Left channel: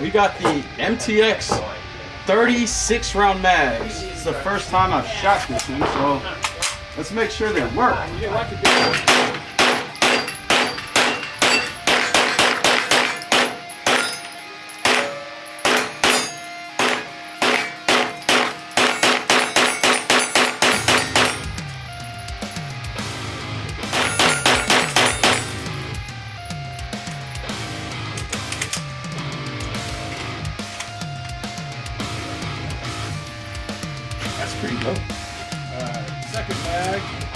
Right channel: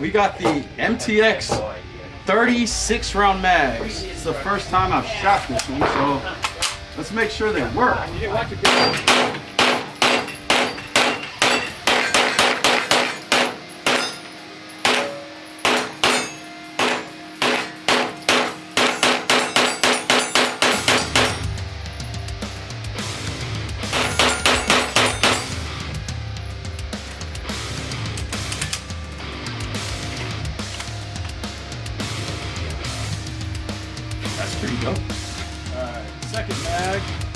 we got the MTX 36 round mags. It's the first time I've shot this one, so let's make sure they work. That's pretty dope. Second mag.